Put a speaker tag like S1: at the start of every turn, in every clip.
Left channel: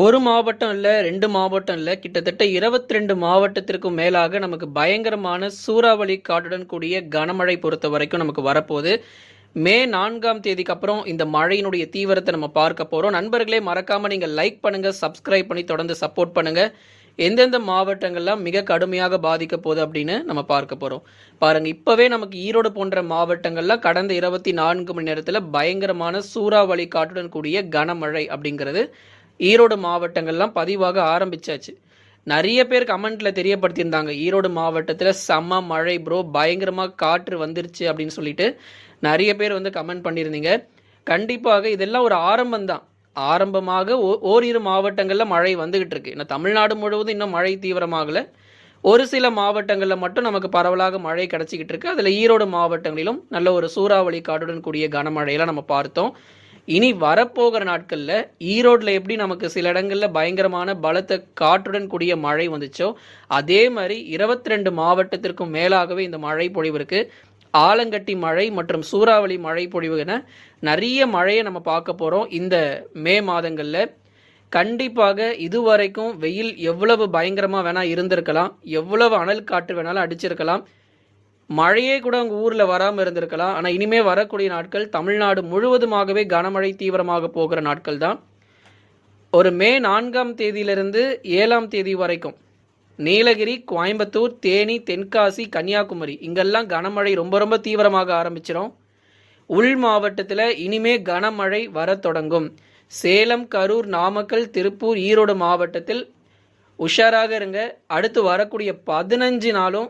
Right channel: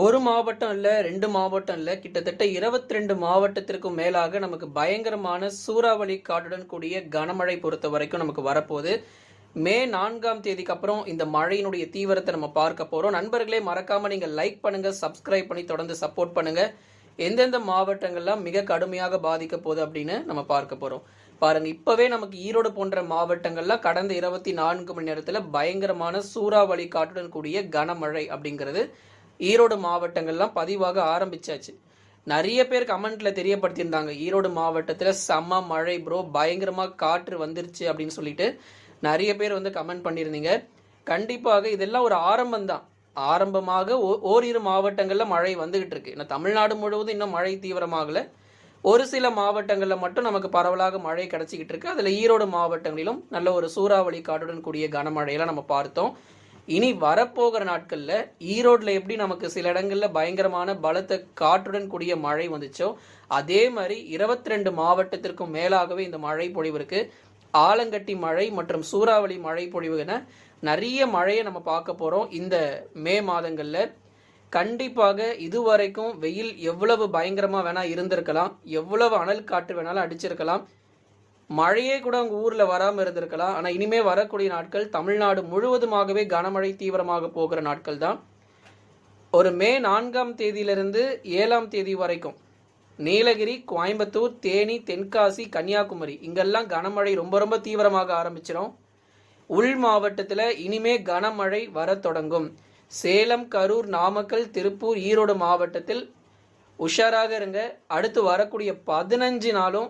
S1: ஒரு மாவட்டம் இல்லை ரெண்டு மாவட்டம் இல்லை கிட்டத்தட்ட இருபத்தி ரெண்டு மாவட்டத்திற்கும் மேலாக நமக்கு பயங்கரமான சூறாவளி காட்டுடன் கூடிய கனமழை பொறுத்த வரைக்கும் நமக்கு வரப்போகுது. மே நான்காம் தேதிக்கு அப்புறம் இந்த மழையினுடைய தீவிரத்தை நம்ம பார்க்க போகிறோம் நண்பர்களே மறக்காமல் நீங்கள் லைக் பண்ணுங்கள் சப்ஸ்கிரைப் பண்ணி தொடர்ந்து சப்போர்ட் பண்ணுங்கள் எந்தெந்த மாவட்டங்கள்லாம் மிக கடுமையாக பாதிக்க போகுது அப்படின்னு நம்ம பார்க்க போகிறோம் பாருங்கள் இப்போவே நமக்கு ஈரோடு போன்ற மாவட்டங்கள்லாம் கடந்த இருபத்தி நான்கு மணி நேரத்தில் பயங்கரமான சூறாவளி காட்டுடன் கூடிய கனமழை அப்படிங்கிறது ஈரோடு மாவட்டங்கள்லாம் பதிவாக ஆரம்பிச்சாச்சு. நிறைய பேர் கமெண்ட்ல தெரியப்படுத்தியிருந்தாங்க. ஈரோடு மாவட்டத்தில் செம்ம மழை ப்ரோ பயங்கரமாக காற்று வந்துருச்சு அப்படின்னு சொல்லிட்டு நிறைய பேர் வந்து கமெண்ட் பண்ணியிருந்தீங்க. கண்டிப்பாக இதெல்லாம் ஒரு ஆரம்பம் தான் ஆரம்பமாக ஓ- ஓரிரு மாவட்டங்களில் மழை வந்துகிட்டு இருக்கு. ஏன்னா தமிழ்நாடு முழுவதும் இன்னும் மழை தீவிரமாகல. ஒரு சில மாவட்டங்களில் மட்டும் நமக்கு பரவலாக மழை கிடச்சிக்கிட்டு இருக்கு. அதில் ஈரோடு மாவட்டங்களிலும் நல்ல ஒரு சூறாவளி காடுடன் கூடிய கனமழையெல்லாம் நம்ம பார்த்தோம். இனி வரப்போகிற நாட்களில் ஈரோட்டில் எப்படி நமக்கு சில இடங்களில் பயங்கரமான பலத்த காற்றுடன் கூடிய மழை வந்துச்சோ அதே மாதிரி இருபத்தி ரெண்டு மாவட்டத்திற்கும் மேலாகவே இந்த மழை பொழிவு இருக்கு. ஆலங்கட்டி மழை மற்றும் சூறாவளி மழை பொழிவு என நிறைய மழையை நம்ம பார்க்க போகிறோம் இந்த மே மாதங்களில். கண்டிப்பாக இதுவரைக்கும் வெயில் எவ்வளவு பயங்கரமாக வேணால் இருந்திருக்கலாம் எவ்வளவு அனல் காற்று வேணாலும் அடிச்சிருக்கலாம். மழையே கூட உங்கள் ஊரில் வராமல் இருந்திருக்கலாம். ஆனால் இனிமே வரக்கூடிய நாட்கள் தமிழ்நாடு முழுவதுமாகவே கனமழை தீவிரமாக போகிற நாட்கள் தான். ஒரு மே நான்காம் தேதியிலிருந்து ஏழாம் தேதி வரைக்கும் நீலகிரி கோயம்புத்தூர் தேனி தென்காசி கன்னியாகுமரி இங்கெல்லாம் கனமழை ரொம்ப ரொம்ப தீவிரமாக ஆரம்பிச்சிடும் உள் மாவட்டத்தில் இனிமே கனமழை வர தொடங்கும். சேலம் கரூர் நாமக்கல் திருப்பூர் ஈரோடு மாவட்டத்தில் உஷாராக இருங்க. அடுத்து வரக்கூடிய பதினஞ்சு நாளும்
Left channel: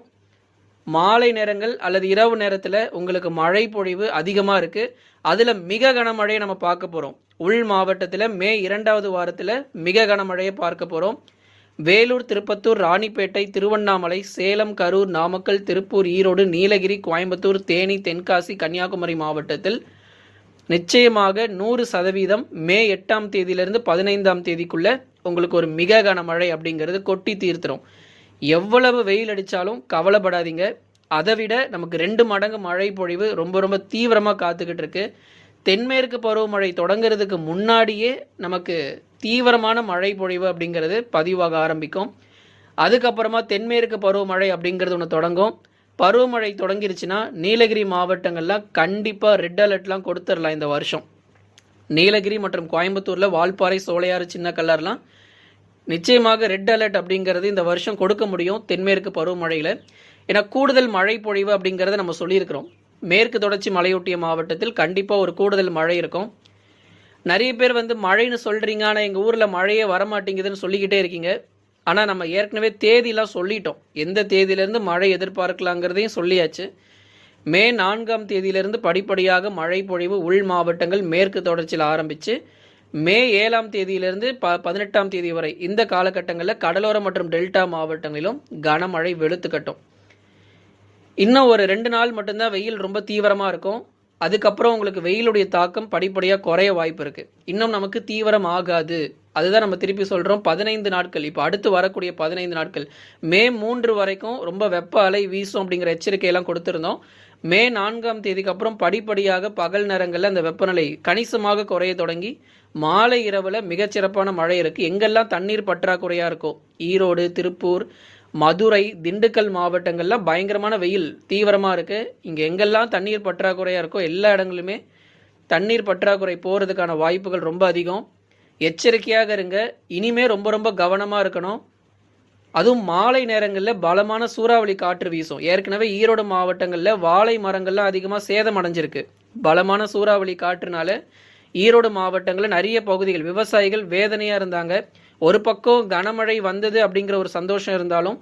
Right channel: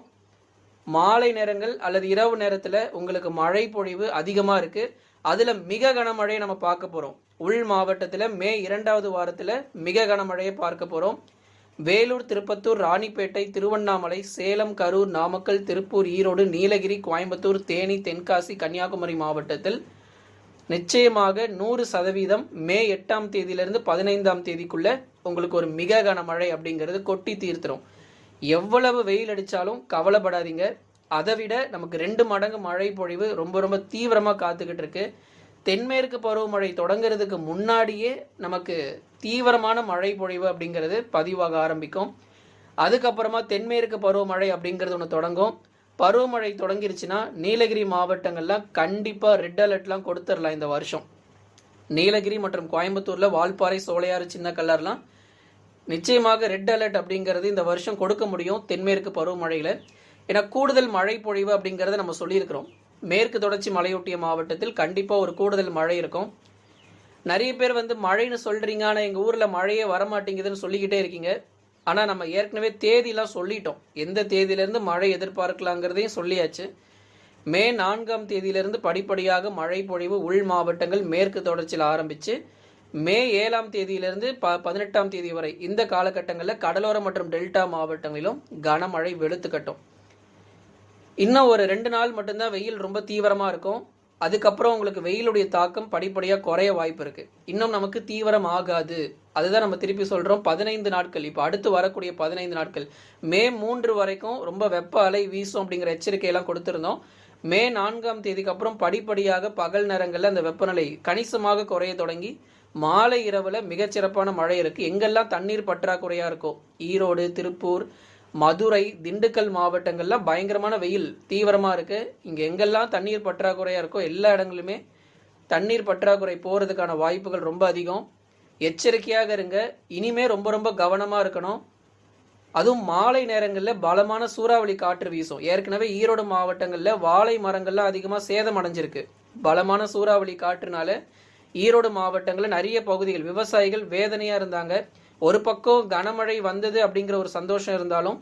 S1: மாலை நேரங்கள் அல்லது இரவு நேரத்தில் உங்களுக்கு மழை பொழிவு அதிகமாக இருக்குது அதில் மிக கனமழையை நம்ம பார்க்க போகிறோம் உள் மாவட்டத்தில் மே இரண்டாவது வாரத்தில் மிக கனமழையை பார்க்க போகிறோம் வேலூர் திருப்பத்தூர் ராணிப்பேட்டை திருவண்ணாமலை சேலம் கரூர் நாமக்கல் திருப்பூர் ஈரோடு நீலகிரி கோயம்புத்தூர் தேனி தென்காசி கன்னியாகுமரி மாவட்டத்தில் நிச்சயமாக நூறு சதவீதம் மே எட்டாம் தேதியிலிருந்து பதினைந்தாம் தேதிக்குள்ளே உங்களுக்கு ஒரு மிக கனமழை அப்படிங்கிறது கொட்டி தீர்த்துரும். எவ்வளவு வெயில் அடித்தாலும் கவலைப்படாதீங்க. அதை விட நமக்கு ரெண்டு மடங்கு மழை பொழிவு ரொம்ப ரொம்ப தீவிரமாக காத்துக்கிட்டு இருக்கு. தென்மேற்கு பருவமழை தொடங்குறதுக்கு முன்னாடியே நமக்கு தீவிரமான மழை பொழிவு அப்படிங்கிறது பதிவாக ஆரம்பிக்கும். அதுக்கப்புறமா தென்மேற்கு பருவமழை அப்படிங்கிறது ஒன்று தொடங்கும். பருவமழை தொடங்கிருச்சுன்னா நீலகிரி மாவட்டங்கள்லாம் கண்டிப்பாக ரெட் அலர்ட்லாம் கொடுத்துடலாம் இந்த வருஷம். நீலகிரி மற்றும் கோயம்புத்தூரில் வால்பாறை சோலையாறு சின்ன கல்லர்லாம் நிச்சயமாக ரெட் அலர்ட் அப்படிங்கிறது இந்த வருஷம் கொடுக்க முடியும் தென்மேற்கு பருவமழையில். ஏன்னா கூடுதல் மழை பொழிவு அப்படிங்கிறத நம்ம சொல்லியிருக்கிறோம். மேற்கு தொடர்ச்சி மலையொட்டிய மாவட்டத்தில் கண்டிப்பாக ஒரு கூடுதல் மழை இருக்கும். நிறைய பேர் வந்து மழைன்னு சொல்கிறீங்க ஆனால் எங்கள் ஊரில் மழையே வரமாட்டேங்குதுன்னு சொல்லிக்கிட்டே இருக்கீங்க. ஆனால் நம்ம ஏற்கனவே தேதியெலாம் சொல்லிட்டோம். எந்த தேதியிலேருந்து மழை எதிர்பார்க்கலாங்கிறதையும் சொல்லியாச்சு. மே நான்காம் தேதியிலிருந்து படிப்படியாக மழை பொழிவு உள் மாவட்டங்கள் மேற்கு தொடர்ச்சியில் ஆரம்பித்து மே ஏழாம் தேதியிலிருந்து ப பதினெட்டாம் தேதி வரை இந்த காலகட்டங்களில் கடலோர மற்றும் டெல்டா மாவட்டங்களிலும் கனமழை வெளுத்துக்கட்டும் இன்னும் ஒரு ரெண்டு நாள் மட்டும்தான் வெயில் ரொம்ப தீவிரமாக இருக்கும். அதுக்கப்புறம் உங்களுக்கு வெயிலுடைய தாக்கம் படிப்படியாக குறைய வாய்ப்பு இருக்குது இன்னும் நமக்கு தீவிரம் ஆகாது. அதுதான் நம்ம திருப்பி சொல்கிறோம் பதினைந்து நாட்கள். இப்போ அடுத்து வரக்கூடிய பதினைந்து நாட்கள். மே மூன்று வரைக்கும் ரொம்ப வெப்ப அலை வீசும் அப்படிங்கிற எச்சரிக்கையெல்லாம் கொடுத்துருந்தோம். மே நான்காம் தேதிக்கு அப்புறம் படிப்படியாக பகல் நேரங்களில் அந்த வெப்பநிலை கணிசமாக குறைய தொடங்கி மாலை இரவில் மிகச்சிறப்பான மழை இருக்குது எங்கெல்லாம் தண்ணீர் பற்றாக்குறையாக இருக்கோ ஈரோடு திருப்பூர் மதுரை திண்டுக்கல் மாவட்டங்கள்லாம் பயங்கரமான வெயில் தீவிரமாக இருக்குது இங்கே எங்கெல்லாம் தண்ணீர் பற்றாக்குறையாக இருக்கோ எல்லா இடங்களுமே தண்ணீர் பற்றாக்குறை போகிறதுக்கான வாய்ப்புகள் ரொம்ப அதிகம். எச்சரிக்கையாக இருங்க. இனிமே ரொம்ப ரொம்ப கவனமாக இருக்கணும். அதுவும் மாலை நேரங்களில் பலமான சூறாவளி காற்று வீசும். ஏற்கனவே ஈரோடு மாவட்டங்களில் வாழை மரங்கள்லாம் அதிகமாக சேதம் அடைஞ்சிருக்கு பலமான சூறாவளி காற்றுனால ஈரோடு மாவட்டங்களில் நிறைய பகுதிகள் விவசாயிகள் வேதனையாக இருந்தாங்க. ஒரு பக்கம் கனமழை வந்தது அப்படிங்கிற ஒரு சந்தோஷம் இருந்தாலும்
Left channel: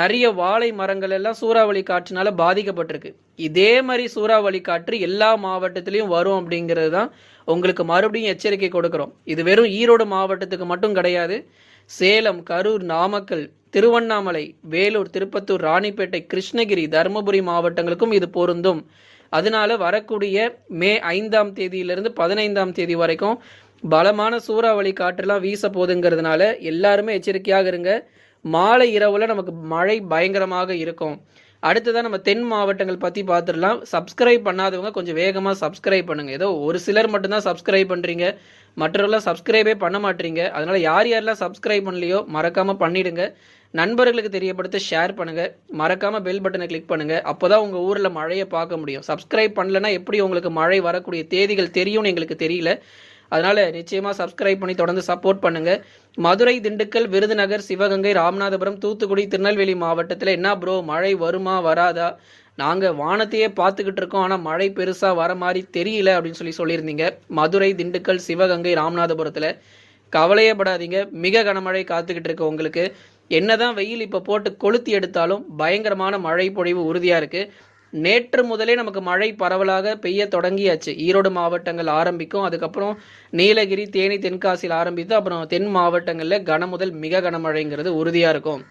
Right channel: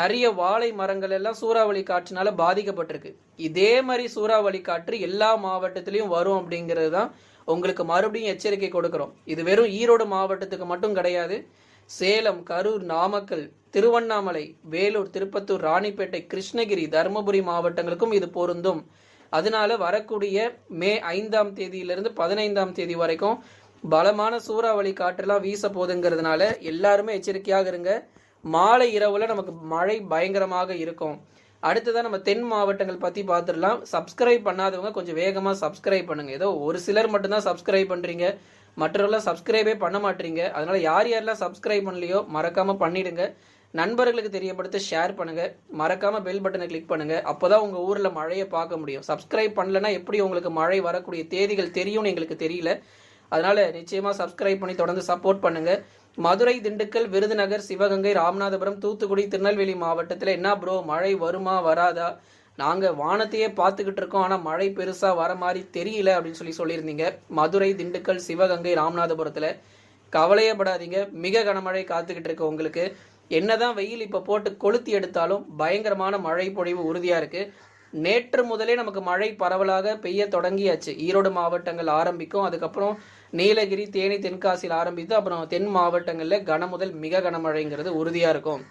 S1: நிறைய வாழை மரங்கள் எல்லாம் சூறாவளி காற்றுனால பாதிக்கப்பட்டிருக்கு. இதே மாதிரி சூறாவளி காற்று எல்லா மாவட்டத்திலையும் வரும் அப்படிங்கிறது தான் உங்களுக்கு மறுபடியும் எச்சரிக்கை கொடுக்குறோம். இது வெறும் ஈரோடு மாவட்டத்துக்கு மட்டும் கிடையாது. சேலம் கரூர் நாமக்கல் திருவண்ணாமலை வேலூர் திருப்பத்தூர் ராணிப்பேட்டை கிருஷ்ணகிரி தருமபுரி மாவட்டங்களுக்கும் இது பொருந்தும். அதனால வரக்கூடிய மே ஐந்தாம் தேதியிலிருந்து பதினைந்தாம் தேதி வரைக்கும் பலமான சூறாவளி காற்றெல்லாம் வீச போகுதுங்கிறதுனால எல்லாருமே எச்சரிக்கையாக இருங்க. மாலை இரவில் நமக்கு மழை பயங்கரமாக இருக்கும். அடுத்ததான் நம்ம தென் மாவட்டங்கள் பற்றி பார்த்துடலாம் சப்ஸ்கிரைப் பண்ணாதவங்க கொஞ்சம் வேகமாக சப்ஸ்கிரைப் பண்ணுங்கள் ஏதோ ஒரு சிலர் மட்டும்தான் சப்ஸ்கிரைப் பண்ணுறீங்க மற்றவர்களாம் சப்ஸ்கிரைபே பண்ண மாட்டீங்க. அதனால் யார் யாரெல்லாம் சப்ஸ்கிரைப் பண்ணலையோ மறக்காமல் பண்ணிடுங்க. நண்பர்களுக்கு தெரியப்படுத்த ஷேர் பண்ணுங்க. மறக்காம பெல் பட்டனை கிளிக் பண்ணுங்க. அப்போதான் உங்க ஊர்ல மழையை பார்க்க முடியும். சப்ஸ்கிரைப் பண்ணலன்னா எப்படி உங்களுக்கு மழை வரக்கூடிய தேதிகள் தெரியும்னு எங்களுக்கு தெரியல. அதனால நிச்சயமா சப்ஸ்கிரைப் பண்ணி தொடர்ந்து சப்போர்ட் பண்ணுங்க. மதுரை திண்டுக்கல் விருதுநகர் சிவகங்கை ராமநாதபுரம் தூத்துக்குடி திருநெல்வேலி மாவட்டத்தில் என்ன ப்ரோ மழை வருமா வராதா? நாங்கள் வானத்தையே பார்த்துக்கிட்டு இருக்கோம். ஆனால் மழை பெருசாக வர மாதிரி தெரியல அப்படின்னு சொல்லி சொல்லியிருந்தீங்க. மதுரை திண்டுக்கல் சிவகங்கை ராமநாதபுரத்தில் கவலையப்படாதீங்க மிக கனமழை காத்துக்கிட்டு இருக்கு உங்களுக்கு. என்னதான் வெயில் இப்போ போட்டு கொளுத்தி எடுத்தாலும் பயங்கரமான மழை பொழிவு உறுதியாக இருக்குது நேற்று முதலே நமக்கு மழை பரவலாக பெய்ய தொடங்கியாச்சு. ஈரோடு மாவட்டங்கள் ஆரம்பிக்கும். அதுக்கப்புறம் நீலகிரி தேனி தென்காசியில் ஆரம்பித்து அப்புறம் தென் மாவட்டங்களில் கனமுதல் மிக கனமழைங்கிறது உறுதியாக இருக்கும்.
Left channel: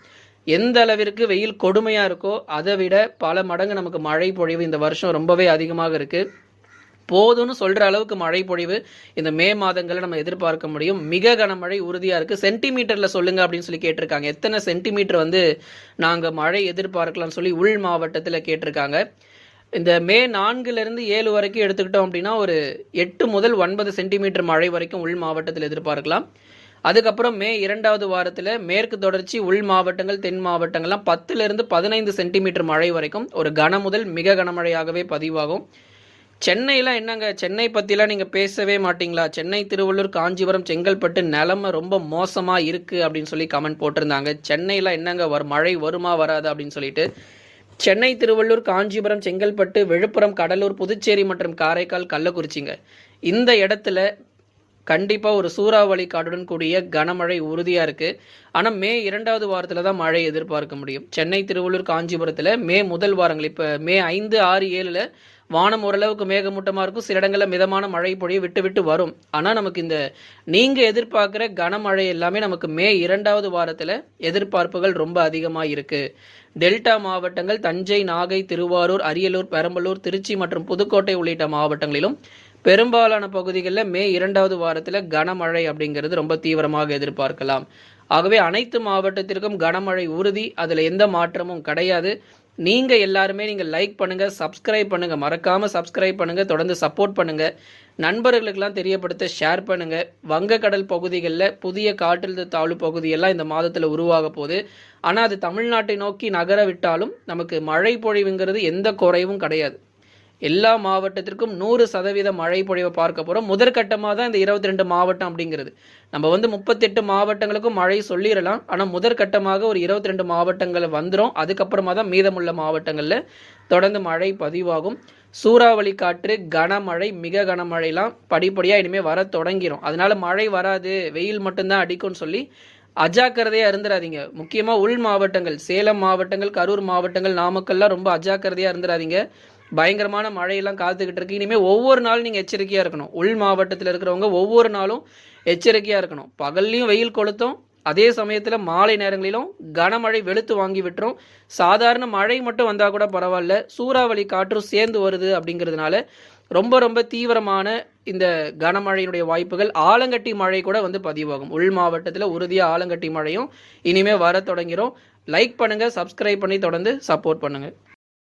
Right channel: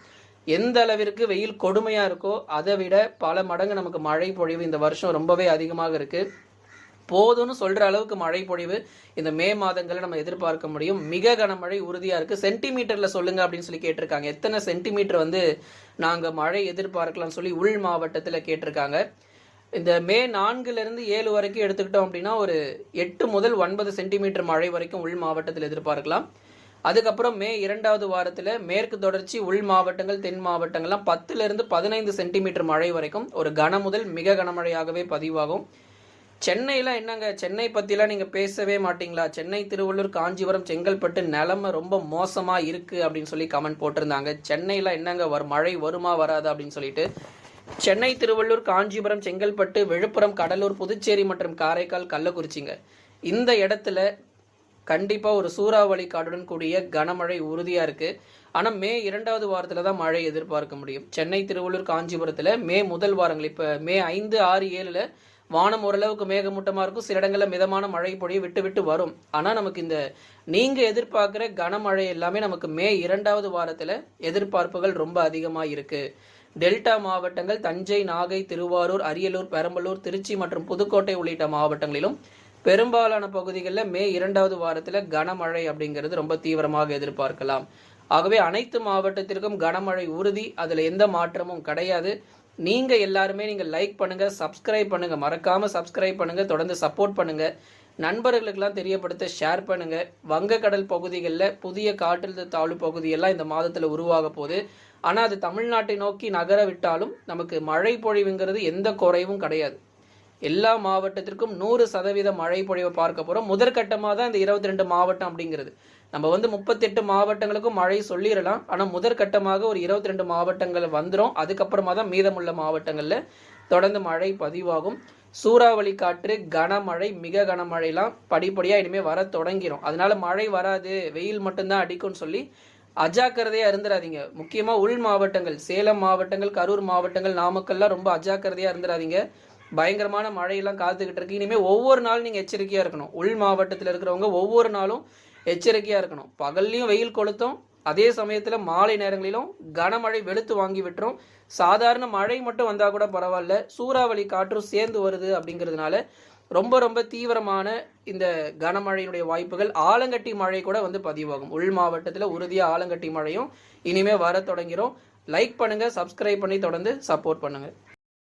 S1: எந்த அளவிற்கு வெயில் கொடுமையாக இருக்கோ அதை விட பல மடங்கு நமக்கு மழை பொழிவு இந்த வருஷம் ரொம்பவே அதிகமாக இருக்குது போதும்னு சொல்கிற அளவுக்கு மழை பொழிவு இந்த மே மாதங்களில் நம்ம எதிர்பார்க்க முடியும். மிக கனமழை உறுதியாக இருக்குது சென்டிமீட்டரில் சொல்லுங்கள் அப்படின்னு சொல்லி கேட்டிருக்காங்க. எத்தனை சென்டிமீட்டர் வந்து நாங்கள் மழை எதிர்பார்க்கலாம்னு சொல்லி உள் மாவட்டத்தில் கேட்டிருக்காங்க. இந்த மே நான்குலேருந்து ஏழு வரைக்கும் எடுத்துக்கிட்டோம் அப்படின்னா ஒரு எட்டு முதல் ஒன்பது சென்டிமீட்டர் மழை வரைக்கும் உள் மாவட்டத்தில் எதிர்பார்க்கலாம். அதுக்கப்புறம் மே இரண்டாவது வாரத்தில் மேற்கு தொடர்ச்சி உள் மாவட்டங்கள் தென் மாவட்டங்கள்லாம் பத்துலேருந்து பதினைந்து சென்டிமீட்டர் மழை வரைக்கும் ஒரு கன முதல் மிக கனமழையாகவே பதிவாகும். சென்னையில் என்னங்க? சென்னை பற்றிலாம் நீங்கள் பேசவே மாட்டீங்களா? சென்னை திருவள்ளூர் காஞ்சிபுரம் செங்கல்பட்டு நிலமை ரொம்ப மோசமாக இருக்குது அப்படின்னு சொல்லி கமெண்ட் போட்டிருந்தாங்க. சென்னையில் என்னங்க? வரும் மழை வருமா வராது அப்படின்னு சொல்லிட்டு. சென்னை திருவள்ளூர் காஞ்சிபுரம் செங்கல்பட்டு விழுப்புரம் கடலூர் புதுச்சேரி மற்றும் காரைக்கால் கள்ளக்குறிச்சிங்க. இந்த இடத்துல கண்டிப்பாக ஒரு சூறாவளி காடுடன் கூடிய கனமழை உறுதியாக இருக்குது ஆனால் மே இரண்டாவது வாரத்தில் தான் மழை எதிர்பார்க்க முடியும். சென்னை திருவள்ளூர் காஞ்சிபுரத்தில் மே முதல் வாரங்கள் இப்போ மே ஐந்து ஆறு ஏழில் வானம் ஓரளவுக்கு மேகமூட்டமாக இருக்கும். சில இடங்களில் மிதமான மழை பொழிய விட்டு விட்டு வரும். ஆனால் நமக்கு இந்த நீங்கள் எதிர்பார்க்குற கனமழை எல்லாமே நமக்கு மே இரண்டாவது வாரத்தில் எதிர்பார்ப்புகள் ரொம்ப அதிகமாக இருக்குது டெல்டா மாவட்டங்கள் தஞ்சை நாகை திருவாரூர் அரியலூர் பெரம்பலூர் திருச்சி மற்றும் புதுக்கோட்டை உள்ளிட்ட மாவட்டங்களிலும் பெரும்பாலான பகுதிகளில் மே இரண்டாவது வாரத்தில் கனமழை அப்படிங்கிறது ரொம்ப தீவிரமாக எதிர்பார்க்கலாம். ஆகவே அனைத்து மாவட்டத்திற்கும் கனமழை உறுதி. அதில் எந்த மாற்றமும் கிடையாது. நீங்கள் எல்லாருமே நீங்கள் லைக் பண்ணுங்கள் சப்ஸ்கிரைப் பண்ணுங்கள் மறக்காமல் சப்ஸ்கிரைப் பண்ணுங்கள் தொடர்ந்து சப்போர்ட் பண்ணுங்கள் நண்பர்களுக்கெல்லாம் தெரியப்படுத்த ஷேர் பண்ணுங்கள் வங்கக்கடல் பகுதிகளில் புதிய காற்றழுத்த தாழ்வு பகுதியெல்லாம் இந்த மாதத்தில் உருவாக போகுது. ஆனால் அது தமிழ்நாட்டை நோக்கி நகர விட்டாலும் நமக்கு மழை பொழிவுங்கிறது எந்த குறைவும் கிடையாது. எல்லா மாவட்டத்திற்கும் நூறு சதவீத மழை பொழிவை பார்க்க போகிறோம் முதற்கட்டமாக தான் இந்த இருபத்தி ரெண்டு மாவட்டம் அப்படிங்கிறது. நம்ம வந்து முப்பத்தெட்டு மாவட்டங்களுக்கும் மழை சொல்லிடலாம். ஆனால் முதற்கட்டமாக ஒரு இருபத்தி ரெண்டு மாவட்டங்கள் வந்துடும் அதுக்கப்புறமா தான் மீதமுள்ள மாவட்டங்களில் தொடர்ந்து மழை பதிவாகும். சூறாவளி காற்று கனமழை மிக கனமழைலாம் படிப்படியாக இனிமேல் வர தொடங்கிடும் அதனால மழை வராது. வெயில் மட்டும்தான் அடிக்கும்னு சொல்லி அஜாக்கிரதையாக இருந்துடாதீங்க முக்கியமாக உள் மாவட்டங்கள் சேலம் மாவட்டங்கள் கரூர் மாவட்டங்கள் நாமக்கல்லாம் ரொம்ப அஜாக்கிரதையாக இருந்துடாதீங்க பயங்கரமான மழையெல்லாம் காத்துக்கிட்டு இருக்கு. இனிமேல் ஒவ்வொரு நாளும் நீங்கள் எச்சரிக்கையாக இருக்கணும். உள் மாவட்டத்தில் இருக்கிறவங்க ஒவ்வொரு நாளும் எச்சரிக்கையாக இருக்கணும். பகல்லையும் வெயில் கொளுத்தும். அதே சமயத்தில் மாலை நேரங்களிலும் கனமழை வெளுத்து வாங்கி விட்டுரும். சாதாரண மழை மட்டும் வந்தால் கூட பரவாயில்ல. சூறாவளி காற்றும் சேர்ந்து வருது அப்படிங்கிறதுனால ரொம்ப ரொம்ப தீவிரமான இந்த கனமழையினுடைய வாய்ப்புகள் ஆலங்கட்டி மழை கூட வந்து பதிவாகும். உள் மாவட்டத்தில் உறுதியாக ஆலங்கட்டி மழையும் இனிமேல் வர தொடங்கிடும் லைக் பண்ணுங்கள் சப்ஸ்கிரைப் பண்ணி தொடர்ந்து சப்போர்ட் பண்ணுங்கள்